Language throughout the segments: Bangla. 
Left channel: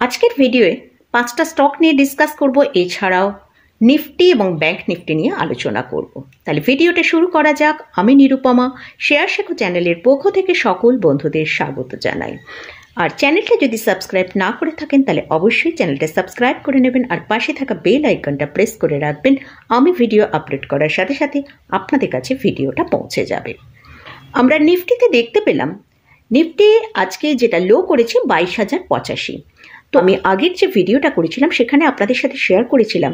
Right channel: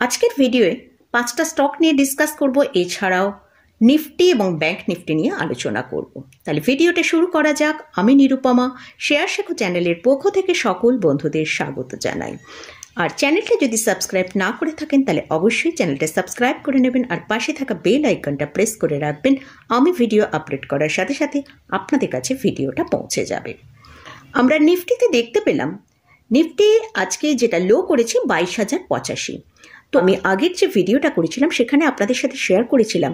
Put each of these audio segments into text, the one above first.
আজকের ভিডিওয়ে 5টা স্টক নিয়ে ডিসকাস করব, এছাড়াও নিফটি এবং ব্যাংক নিফটি নিয়ে আলোচনা করব। তাহলে ভিডিওটা শুরু করা যাক। আমি নিরুপমা, শেয়ার শেখো চ্যানেলের পক্ষ থেকে সকল বন্ধুদের স্বাগত জানাই। আর চ্যানেলটা যদি সাবস্ক্রাইব না করে থাকেন তাহলে অবশ্যই চ্যানেলটা সাবস্ক্রাইব করে নেবেন আর পাশে থাকা বেল আইকনটা প্রেস করে রাখবেন। আমি ভিডিও আপলোড করার সাথে সাথে আপনাদের কাছে ভিডিওটা পৌঁছে যাবে। আমরা নিফটিতে দেখতে পেলাম নিফটি আজকে যেটা লো করেছে 22,085। তো আমি আগের যে ভিডিওটা করেছিলাম সেখানে আপনাদের সাথে শেয়ার করেছিলাম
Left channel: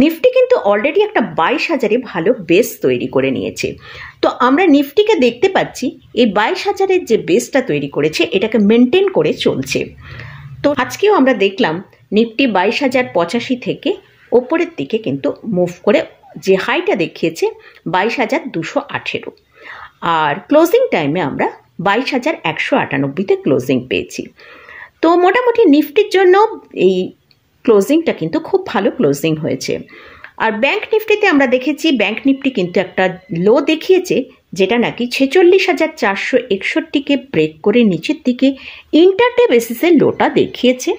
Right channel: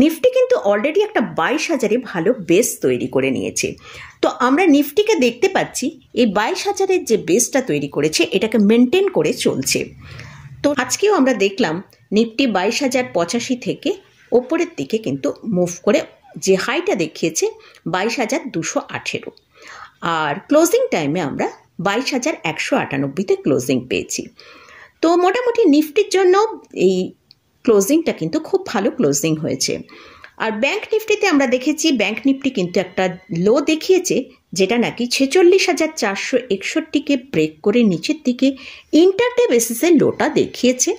নিফটি কিন্তু অলরেডি একটা 22,000-এ ভালো বেস তৈরি করে নিয়েছে। তো আমরা নিফটিকে দেখতে পাচ্ছি এই 22,000-এর যে বেসটা তৈরি করেছে এটাকে মেনটেন করে চলছে। তো আজকেও আমরা দেখলাম নিফটি 22,085 থেকে ওপরের দিকে কিন্তু মুভ করে যে হাইটা দেখিয়েছে 22,218, আর ক্লোজিং টাইমে আমরা 22,198-তে ক্লোজিং পেয়েছি। তো মোটামুটি নিফটির জন্য এই ক্লোজিংটা কিন্তু খুব ভালো ক্লোজিং হয়েছে। আর ব্যাংক নিফটিতে আমরা দেখেছি ব্যাংক নিফটি কিন্তু একটা লো দেখিয়েছে, যেটা নাকি 46,461-কে ব্রেক করে নিচের দিকে ইন্টারডে বেসিসে লোটা দেখিয়েছে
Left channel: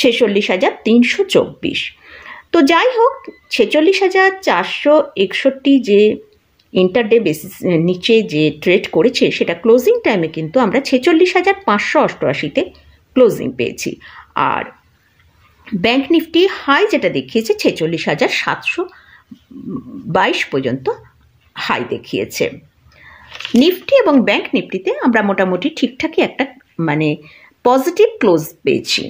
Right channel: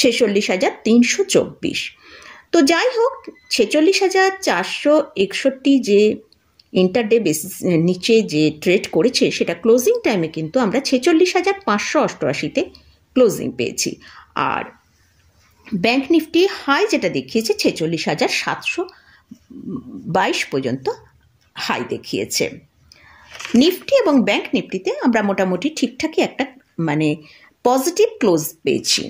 46,324। তো যাই হোক, 46,461 যে ইন্টারডে বেসিস নিচে যে ট্রেড করেছে সেটা ক্লোজিং টাইমে কিন্তু আমরা 46,588-তে ক্লোজিং পেয়েছি। আর ব্যাংক নিফটি হাই যেটা দেখিয়েছে 46,722 পর্যন্ত হাই দেখিয়েছে। নিফটি এবং ব্যাংক নিফটিতে আমরা মোটামুটি ঠিকঠাকই একটা পজিটিভ ক্লোজ পেয়েছি।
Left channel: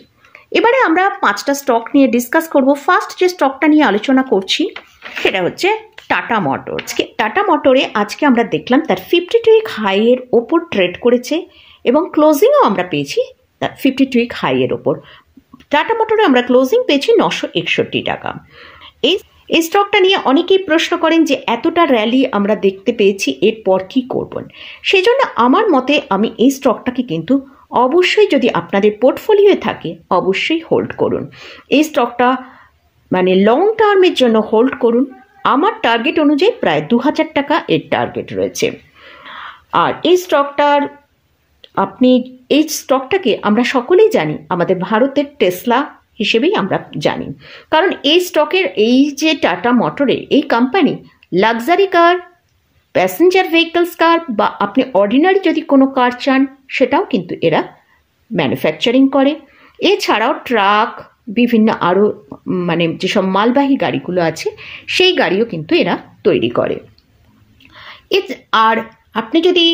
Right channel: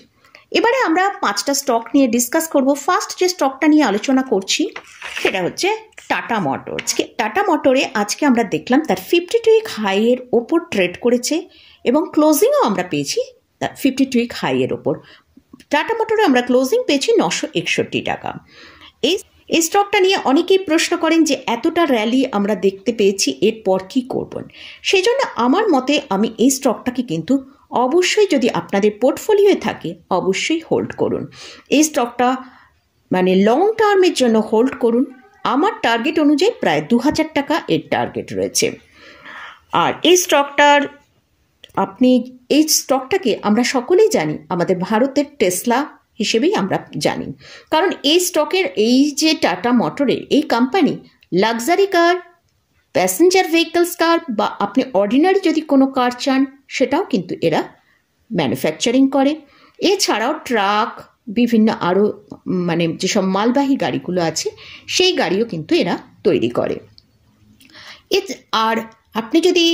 এবারে আমরা 5টা স্টক নিয়ে ডিসকাস করব। ফার্স্ট যে স্টকটা নিয়ে আলোচনা করছি সেটা হচ্ছে টাটা মোটরস। টাটা মোটরে আজকে আমরা দেখলাম তার 52-উইক হাইয়ের ওপর ট্রেড করেছে এবং ক্লোজিংও আমরা পেয়েছি তার 52-উইক হাইয়ের ওপর। টাটা মোটরে আমরা ক্লোজিং পেয়েছি 961 টাকা। এই স্টকটা নিয়ে অনেকেই প্রশ্ন করেন যে এতটা র্যালি আমরা দেখতে পেয়েছি, এরপর কি করবেন। সেই জন্য আমার মতে আমি এই স্টকটাকে কিন্তু অবশ্যই, যদি আপনাদের পোর্টফোলিওয়ে থাকে, অবশ্যই হোল্ড করুন। এই স্টকটা লং টার্মের জন্য হোল্ড করুন। আমার টার্গেট অনুযায়ী প্রায় 2,000 টাকা এর টার্গেট রয়েছে। আর এই স্টকটাকে আমরা সকলেই জানি আমাদের ভারতের টেসলা হিসেবেই আমরা জানি, কারণ এই স্টকের এই যে টাটা মোটরের এই company luxury car, passenger vehicles car বা আপনি অর্ডিনারি যদি কোনো কার চান সেটাও কিন্তু এরা ম্যানুফ্যাকচারিং করে। এছাড়াও ট্রাক, বিভিন্ন আরও যেসব মালবাহী গাড়িগুলো আছে সেই গাড়িও কিন্তু এরা তৈরি করে। আর আপনি যদি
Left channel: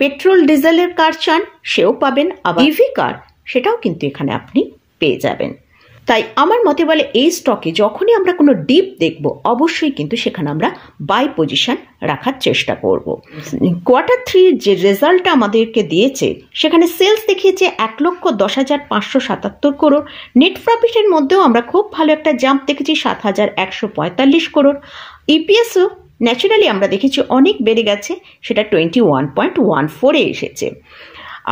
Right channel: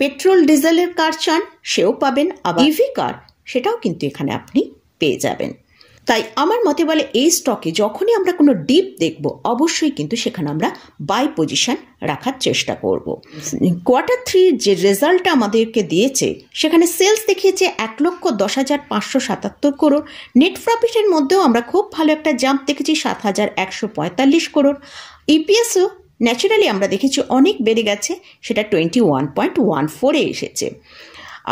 পেট্রোল ডিজেলের কার চান সেও পাবেন, আবার ইভি কার সেটাও কিন্তু এখানে আপনি পেয়ে যাবেন। তাই আমার মতে বলে এই স্টকে যখনই আমরা কোনো ডিপ দেখব অবশ্যই কিন্তু সেখানে আমরা বাই পজিশন রাখার চেষ্টা করব। Q3 যে রেজাল্টটা আমাদেরকে দিয়েছে সেখানে সেলস দেখিয়েছে 1,10,577 করোড়। নেট প্রফিটের মধ্যেও আমরা খুব ভালো একটা জাম্প দেখেছি 7,145 করোড়। ইপিএসও ন্যাচারালি আমরা দেখেছি অনেক বেড়ে গেছে, সেটা 21.14-এ এসেছে।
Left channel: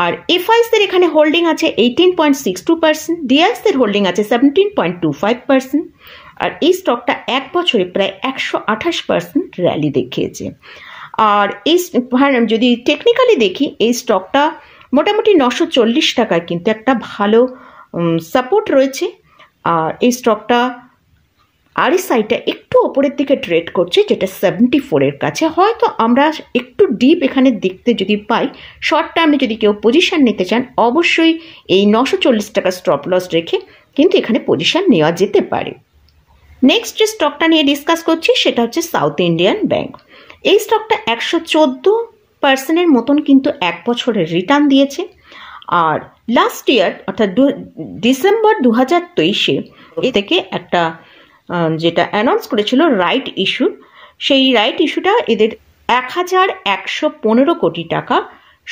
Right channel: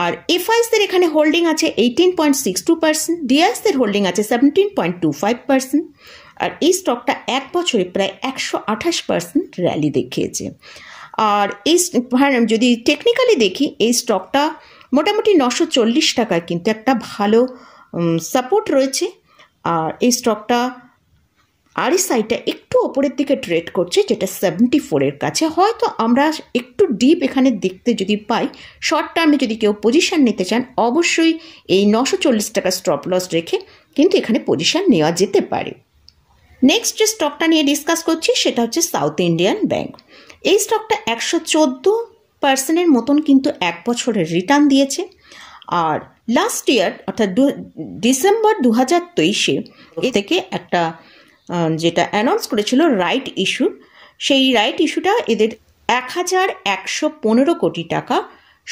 আর এফআইসদের এখানে হোল্ডিং আছে 18.62%, ডিআইসদের হোল্ডিং আছে 17.25%। আর এই স্টকটা এক বছরে প্রায় 128% র্যালি দেখিয়েছে। আর এই যদি টেকনিক্যালি দেখি এই স্টকটা মোটামুটি 940 টাকায় কিন্তু একটা ভালো সাপোর্ট রয়েছে। আর এই স্টকটা আরএসআইটা একটু ওপরের দিকে ট্রেড করছে, যেটা 74-এর কাছে। হয়তো আমরা একটু ডিপ এখানে দেখতে যদি পাই, শর্ট টার্মে যদি কেউ পজিশন নিতে চান অবশ্যই এই 940 টাকা স্টপ লস রেখে কিন্তু এখানে পজিশন নেওয়া যেতে পারে। নেক্সট যে স্টকটা নিয়ে ডিসকাস করছি সেটা হচ্ছে সাউথ ইন্ডিয়ান ব্যাংক। এই স্টকটা 114%-এর মতন কিন্তু এক বছরের রিটার্ন দিয়েছে। আর লাস্ট ইয়ার অর্থাৎ ডিসেম্বর 2023-এ থেকে একটা যেটা অ্যানাউন্স করেছিল রাইট ইস্যু, সেই রাইট ইস্যুটা এদের 1,115 কোটি টাকা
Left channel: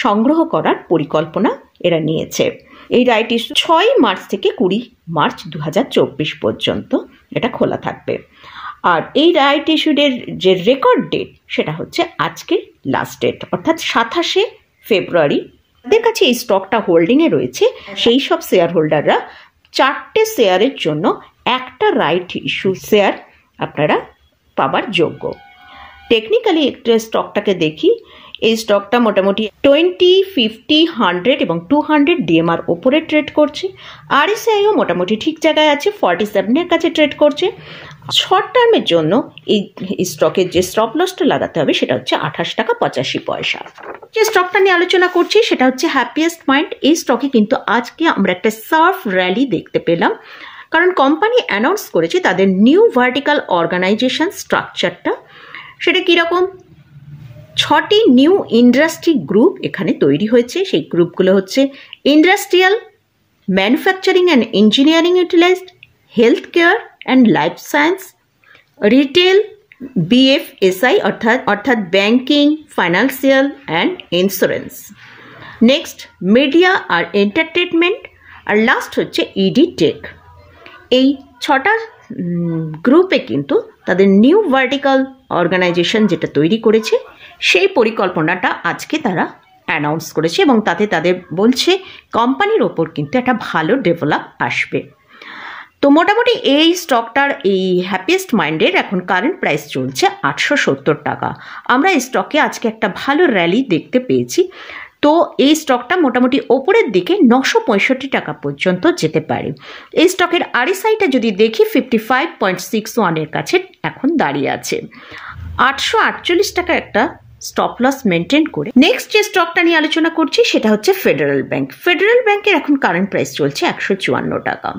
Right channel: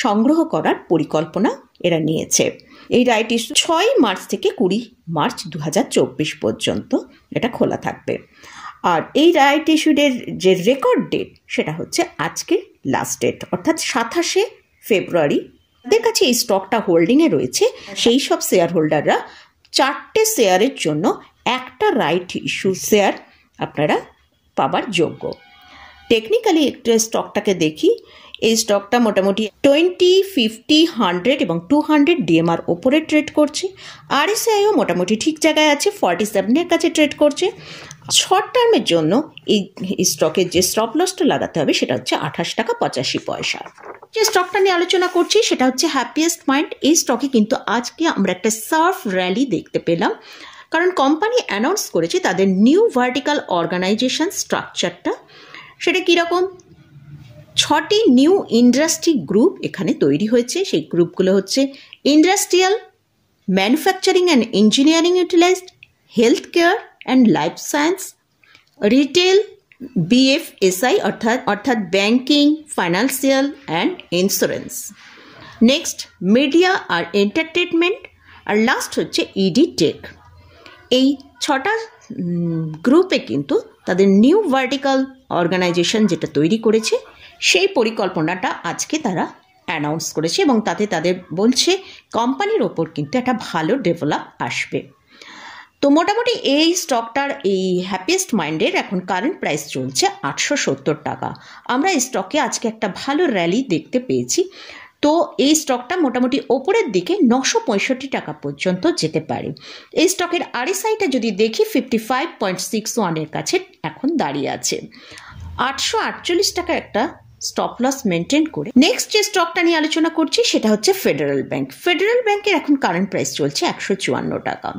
সংগ্রহ করার পরিকল্পনা এরা নিয়েছে। এই রাইট ইস্যু 6 মার্চ থেকে 20 মার্চ 2024 পর্যন্ত এটা খোলা থাকবে। আর এই রাইট ইস্যুদের যে রেকর্ড ডেট সেটা হচ্ছে আজকে লাস্ট ডেট, অর্থাৎ 27শে ফেব্রুয়ারি। তাদের কাছে এই স্টকটা হোল্ডিংয়ে রয়েছে সেই সব শেয়ার হোল্ডাররা 4টে শেয়ারের জন্য একটা রাইট ইস্যু শেয়ার আপনারা পাবার যোগ্য। টেকনিক্যালি একটা স্টকটাকে দেখি, এই স্টকটা মোটামুটি 20, 50, 100 এবং 200 ডিএমআর ওপরে ট্রেড করছে। আরএসআইও মোটামুটি ঠিক জায়গায় আছে, 47-এর কাছে ট্রেড করছে। শর্ট টার্মের জন্য এই স্টকের যে স্টপ লসটা লাগাতে হবে সেটা হচ্ছে 28 টাকা 85 পয়সা। যে স্টকটা নিয়ে আলোচনা করছি সেটা হচ্ছে হ্যাপিয়েস্ট মাইন্ড। এই স্টকে কিন্তু আজকে আমরা একটা সার্ফ র্যালি দেখতে পেলাম, কারণ কোম্পানি অ্যানাউন্স করেছে তাদের নিউ ভার্টিক্যাল অর্গানাইজেশন স্ট্রাকচারটা। সেটা কীরকম? 6টি নিউ ইন্ডাস্ট্রি গ্রুপ এখানে তৈরি হয়েছে। সেই গ্রুপগুলো হচ্ছে industrial, manufacturing and engineering utilised, health care and life science, retail, BFSI অর্থাৎ banking, financial and insurance, next media আর এন্টারটেনমেন্ট, আর লাস্ট হচ্ছে ইডি টেক। এই 6টা গ্রুপে কিন্তু তাদের নিউ ভার্টিক্যাল অর্গানাইজেশন যেটা তৈরি করেছে সেই পরিকল্পনাটা আজকে তারা অ্যানাউন্স করেছে এবং তাতে তাদের বলছে কোম্পানির ওপর কিন্তু একটা ভালো ডেভেলপ আসবে। তো মোটামুটি এই স্টকটার এই হ্যাপিয়েস্ট মাইন্ডের এখন কারেন্ট প্রাইস চলছে 870 টাকা। আমরা এই স্টকে আজকে একটা ভালো র্যালি দেখতে পেয়েছি। তো এই স্টকটা মোটামুটি ওপরের দিকে 965 টাকা পর্যন্ত যেতে পারে। এই স্টকের আরএসআইটা যদি দেখি 55.61-এর কাছে এখন দাঁড়িয়ে আছে। 848 টাকা একটা স্টপ লস মেনটেন করে নেক্সট যে স্টকটা নিয়ে আলোচনা করছি সেটা হচ্ছে ফেডারেল ব্যাংক। ফেডারেল ব্যাংকের এখন কারেন্ট প্রাইস চলছে 154 টাকা।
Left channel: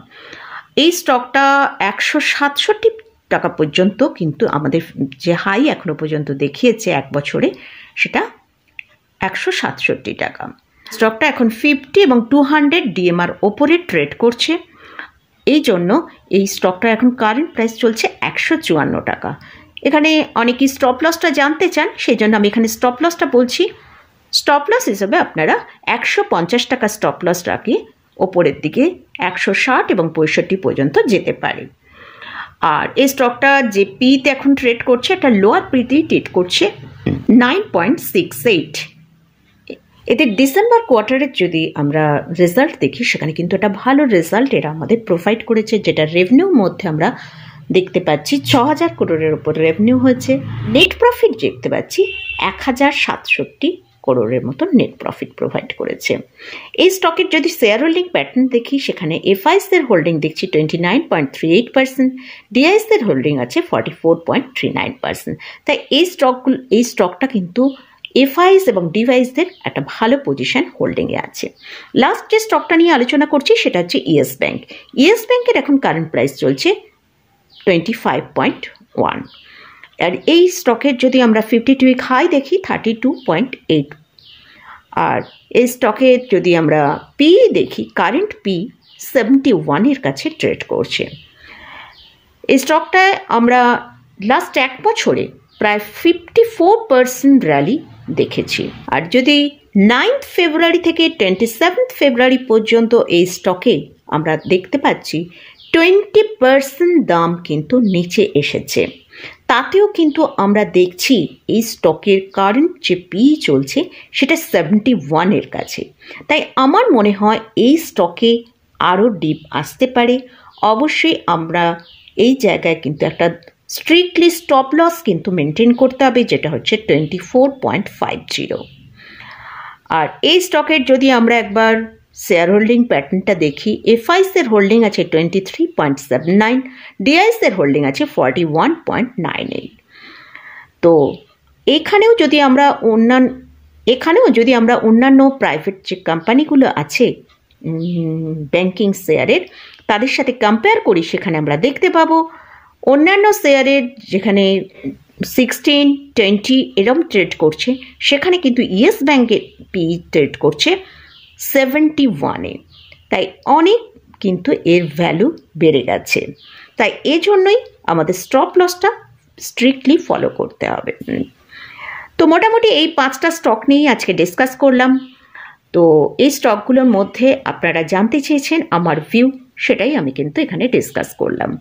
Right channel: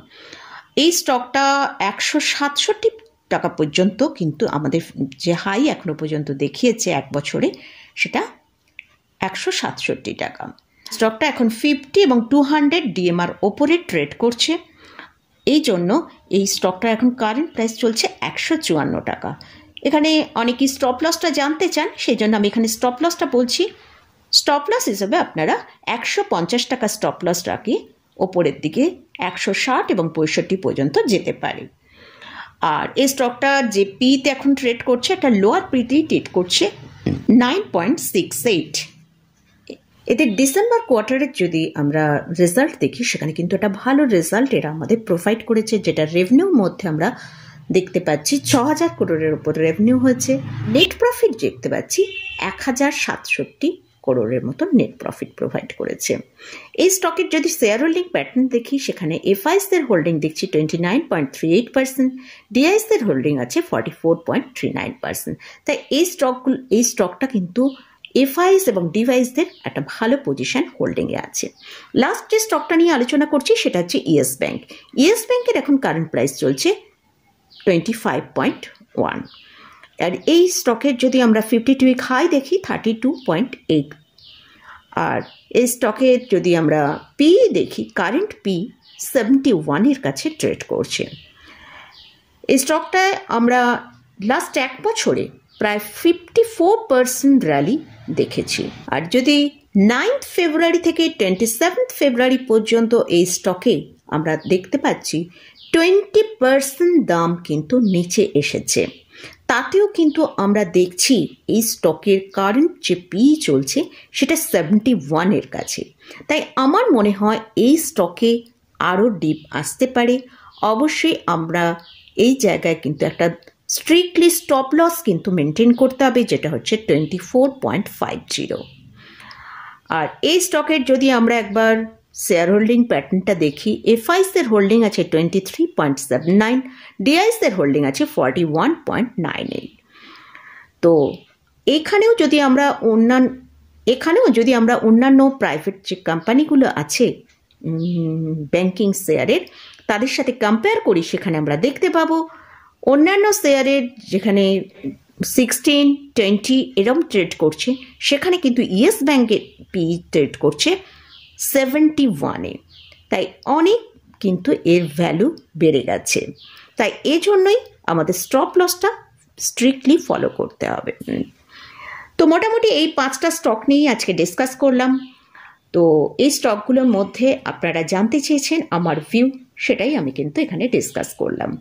এই স্টকটা 167 টাকা পর্যন্ত কিন্তু আমাদের যে হাই এখনো পর্যন্ত দেখিয়েছে এক বছরে সেটা 167 টাকা। স্টকটা এখন 50 এবং 200 ডিএমআর ওপরে ট্রেড করছে। এই জন্য এই স্টকটা এখন কারেন্ট প্রাইস চলছে 154 টাকা। এখানে অনেকেই স্টপ লসটা জানতে চান, সেই জন্য আমি এখানে স্টপ লসটা বলছি। স্টপ লস হিসেবে আপনারা 150 টাকা স্টপ লস রাখিয়ে ওপরের দিকে 160 এবং 65 পর্যন্ত যেতে পারে। আর এই স্টকটা যে পিতে এখন ট্রেড করছে একটা লোয়ার পিতেই ট্রেড করছে 9.68। এদের ডিসেম্বর কোয়ার্টারের যদি আমরা রেজাল্ট দেখি সেখানে কিন্তু একটা ভালো রেজাল্ট এরা আমাদের প্রোভাইড করেছে, যেটা রেভিনিউর মধ্যে আমরা দেখতে পাচ্ছি 6000 করোড়ের উপর রেভিনিউ হয়েছে। নেট প্রফিট দেখতে পাচ্ছি 1067 করোড়ের মতো নেট প্রফিট প্রোভাইড করেছে। এই স্টকের যদি শেয়ার হোল্ডিং প্যাটার্ন দেখি সেখানে এফআইসের হোল্ডিং দেখছি 29.38%, ডিআইসের হোল্ডিং আছে 44.39%। তাই এই স্টকটা কিন্তু এফআইস এবং ডিভাইসদের একটা ভালো পজিশন হোল্ডিংয়ে আছে। লাস্ট যে স্টকটা নিয়ে আলোচনা করছি সেটা হচ্ছে ইয়েস ব্যাংক। ইয়েস ব্যাংকের এখন কারেন্ট প্রাইস চলছে 25.1। আর এই স্টকের যদি আমরা 52 উইক হাই দেখি 32.8। আর এই স্টকের যদি আমরা পি দেখি কারেন্ট পি 71-এর কাছে ট্রেড করছে। এই স্টকটায় আমরা লাস্ট এক বছরে প্রায় 54% র্যালি দেখেছি। আর যদি 9 ফেব্রুয়ারি থেকে 27 ফেব্রুয়ারি পর্যন্ত এই স্টকে আমরা দেখতে পাচ্ছি 20% দাম কিন্তু নিচে এসেছে। তাতেও কিন্তু আমরা দেখছি এই স্টকের কারেন্ট যে পি চলছে সেটা 71-এর কাছে। তাই আমার মনে হয় এই স্টকে আরও ডিপ আসতে পারে। অবশ্যই আমরা এই জায়গায় কিন্তু একটা স্ট্রিক্টলি স্টপ লস কিন্তু মেনটেন করতে হবে, যেটা হচ্ছে 24.50। আর এই স্টকের যদি আমরা একবার শেয়ার হোল্ডিং প্যাটার্নটা দেখি, এফআইসের হোল্ডিং আছে 23.79, ডিআইসের হোল্ডিং আছে 41.98। তো এখানেও যদি আমরা অন্যান্য প্রাইভেট যে কোম্পানিগুলো আছে ব্যাংকিং শেয়ারের তাদের সাথে কম্পেয়ার করি, সেখানে আমরা দেখতে পাবো অন্যান্য শেয়ারের যেখানে 16, 20 এরম ট্রেড করছে, সেখানে কিন্তু ইয়েস ব্যাংকের পি ট্রেড করছে 71-এ। তাই অনেক কিন্তু এর ভ্যালু বেড়ে গেছে। তাই এজন্যই আমাদের স্টপ লসটা স্ট্রিক্টলি ফলো করতে হবে। তো মোটামুটি এই 5টা স্টক নিয়েই আজকে ডিসকাস করলাম। তো এই স্টকগুলোর মধ্যে আপনারা জানতে চেয়েছেন আমার ভিউ, সেটাই আমি কিন্তু এখানে ডিসকাস করলাম।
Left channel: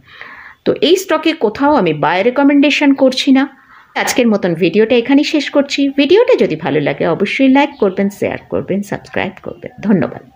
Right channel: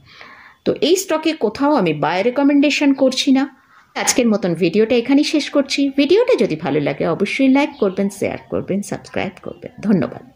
তো এই স্টকে কোথাও আমি বাই রেকমেন্ডেশন করছি না। আজকের মতন ভিডিওটা এখানেই শেষ করছি। ভিডিওটা যদি ভালো লাগে অবশ্যই লাইক করবেন, শেয়ার করবেন, সাবস্ক্রাইব করবেন। ধন্যবাদ।